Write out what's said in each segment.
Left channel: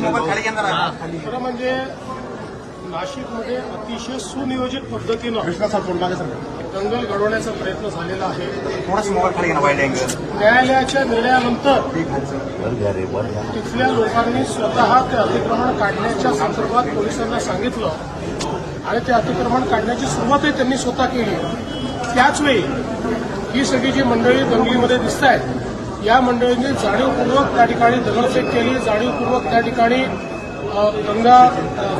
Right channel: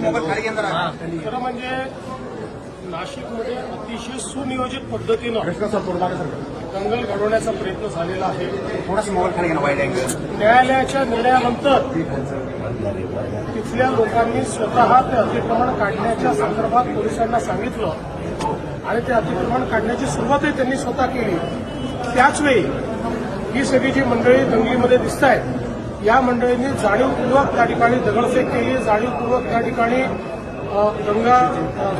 खरं म्हणजे नाशिकमध्ये अतिशय सुनियोजित पद्धतीनं दंगल घडवण्याचा प्रयत्न झालेला आहे. न्यायालयाच्या निर्णयानंतर तिथल्या लोकांनी स्वतः ते अतिक्रमण काढण्याच्या संदर्भात पोलिसांना सांगितलं आणि ते अतिक्रमण काढण्याची सुरुवातही त्यांनी स्वतः केली. त्याचवेळी ही सगळी जी मंडळी दंगलीमध्ये दिसत आहेत या मंडळींनी जाणीवपूर्वक त्या ठिकाणी दगडफेक केली जाणीवपूर्वक त्या ठिकाणी दंगा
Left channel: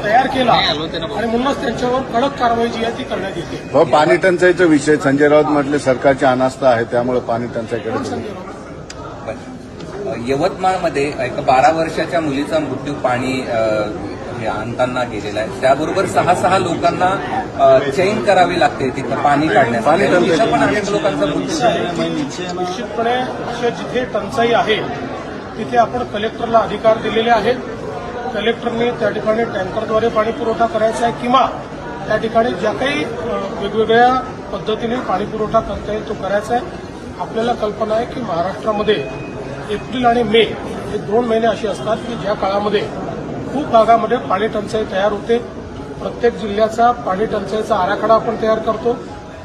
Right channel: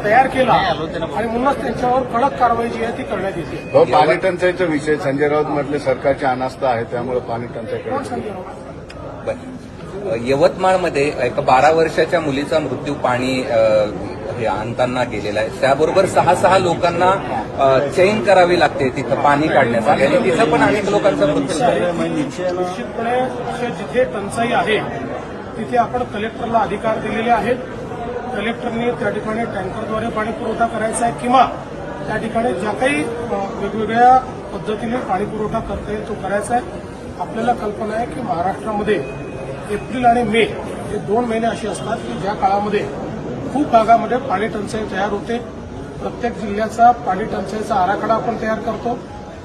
तयार केला आणि म्हणूनच त्यांच्यावर कडक कारवाई जी आहे ती करण्यात येते. हो पाणी टंचाईचा विषय संजय राऊत म्हटले सरकारची अनास्था आहे त्यामुळे पाणी टंचाईकडे संजय राऊत? यवतमाळमध्ये एका बारा वर्षाच्या मुलीचा मृत्यू पाणी अ, हे आणताना गेलेला आहे. त्याबरोबर सहा सहा लोकांना अ, करावी लागते तिथं पाणी काढण्यासाठी. निश्चितपणे अशा जिथे टंचाई आहे तिथे आपण कलेक्टरला अधिकार दिलेले आहेत. कलेक्टरने त्या ठिकाणी टँकरद्वारे पाणी पुरवठा करायचा आहे किंवा त्या ठिकाणी ज्या काही वेगवेगळ्या पद्धतीने पाणी पुरवठा करता येईल तो करायचा आहे. आपल्याला कल्पना आहे की महाराष्ट्रामध्ये एप्रिल आणि मे हे दोन महिने असे असतात की ज्या काळामध्ये खूप भागामध्ये पाणी टंचाई तयार होते. प्रत्येक जिल्ह्याचा पाणी टंचाईचा आराखडा आपण तयार करतो.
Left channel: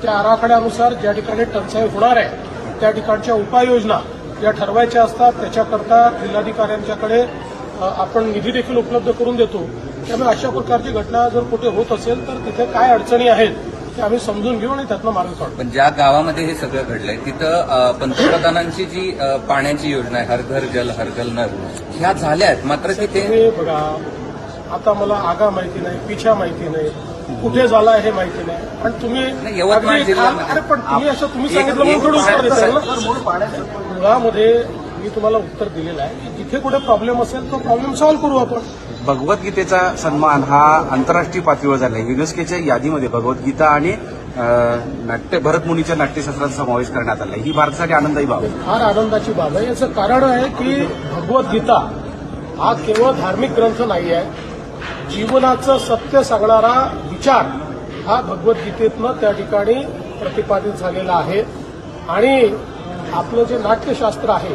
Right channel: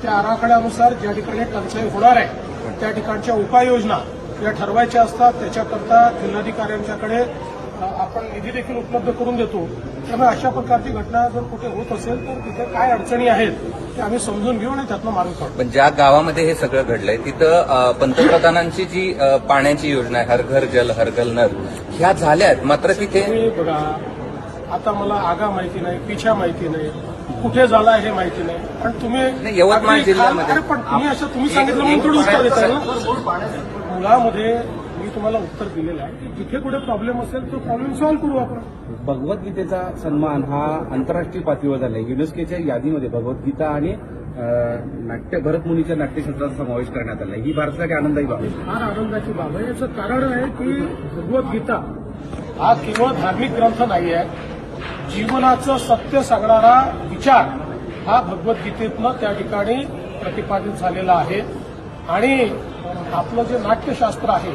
त्या आराखड्यानुसार ज्या ठिकाणी टंचाई होणार आहे त्या ठिकाणच्या उपाययोजना ज्या ठरवायच्या असतात. त्याच्याकरता जिल्हाधिकाऱ्यांच्याकडे आपण निधी देखील उपलब्ध करून देतो. त्यामुळे अशा प्रकारची घटना जर कुठे होत असेल तर तिथे काय अडचणी आहेत ते आम्ही समजून घेऊ आणि त्यातनं मार्ग काढू. पण ज्या गावामध्ये हे सगळं घडलंय तिथं पंतप्रधानांची जी पाण्याची योजना आहे हर घर जल हर घर नळ ह्या झाल्या आहेत मात्र तिथे बघा आता मला आगा माहिती नाही पिछा माहिती नाही कुठे झाला हे माहिती नाही. पण तुम्ही अगदी अरे पण तुम्ही असं तुम्ही सांगितलं म्हणून थोडं उत्तर देता ना? मुळामध्ये मी तुम्हाला उत्तर दिलेलं आहे की जिथे कुठे प्रॉब्लेम असेल तो प्रॉब्लेम सॉल्व्ह करू आपण. भगवद्गीतेचा सन्मान हा आंतरराष्ट्रीय पातळीवर झाला आहे युनेस्कोच्या यादीमध्ये भगवद्गीता आणि नाट्य भरतमुनीच्या नाट्यशास्त्राचा समावेश करण्यात आला आहे ही भारतासाठी आनंदाची बाब आहे. फार आनंदाची बाब आहे. याचं कारण आहे की भगवद्गीता हा केवळ धार्मिक ग्रंथ नाही आहे. जीवनाचं सत्य सांगणारा विचार हा भगवद्गीतेतनं त्या ठिकाणी प्रतिपादित झालेला आहे. आणि आपलं जे नाट्यशास्त्र आहे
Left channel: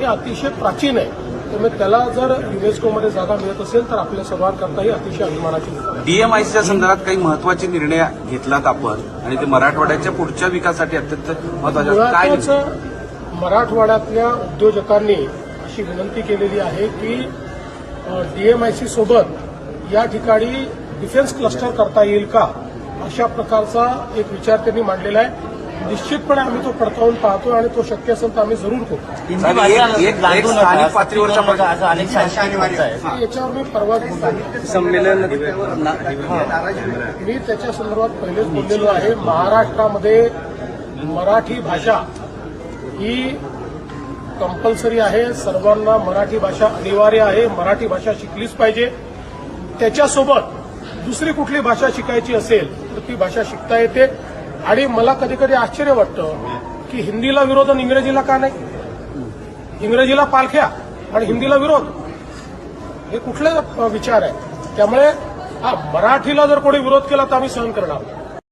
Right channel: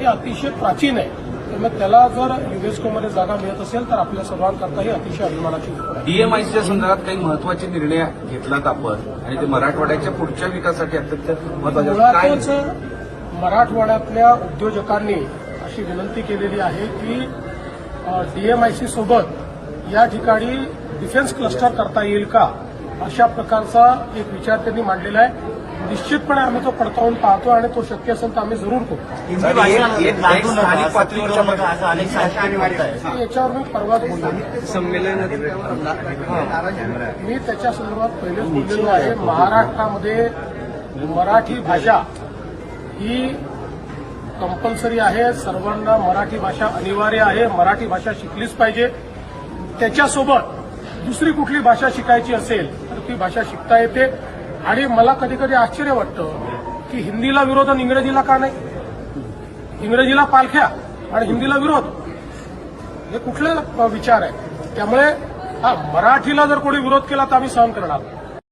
हे अतिशय प्राचीन आहे. त्यामुळे त्याला जर युनेस्कोमध्ये जागा मिळत असेल तर आपल्या सर्वांकरता ही अतिशय अभिमानाची डीएमआयसीच्या संदर्भात काही महत्त्वाचे निर्णय घेतलात आपण? आणि ते मराठवाड्याच्या पुढच्या विकासासाठी अत्यंत महत्त्वाचे मुळातच मराठवाड्यातल्या उद्योजकांनी अशी विनंती केलेली आहे की डीएमआयसी सोबत या ठिकाणी डिफेन्स क्लस्टर करता येईल का? अशा प्रकारचा एक विचार त्यांनी मांडलेला आहे. निश्चितपणे आम्ही तो पडताळून पाहतो आणि तो शक्य असेल तर आम्ही जरूर करू. एक- एक- एक स्थानिक पातळीवरच्या याच्यावर मी परवाच बोललो. मी त्याच्या संदर्भात पहिलेच बोललेलो आहे. महाराष्ट्रामध्ये मराठी भाषा ही कंपल्सरी आहे. सर्वांना मराठी भाषा अनिवार्य आहे. मराठी भाषा शिकलीच पाहिजे. त्याच्यासोबत दुसरी कुठली भाषा शिकायची असेल तर ती भाषा शिकता येते. आणि मला कधी कधी आश्चर्य वाटतं की हिंदीला विरोध आणि इंग्रजीला का नाही? इंग्रजीला पालख्या आणि हिंदीला विरोध. हे कुठले विचार आहे? त्यामुळे हा मराठीला जर कोणी विरोध केला तर आम्ही सहन करणार.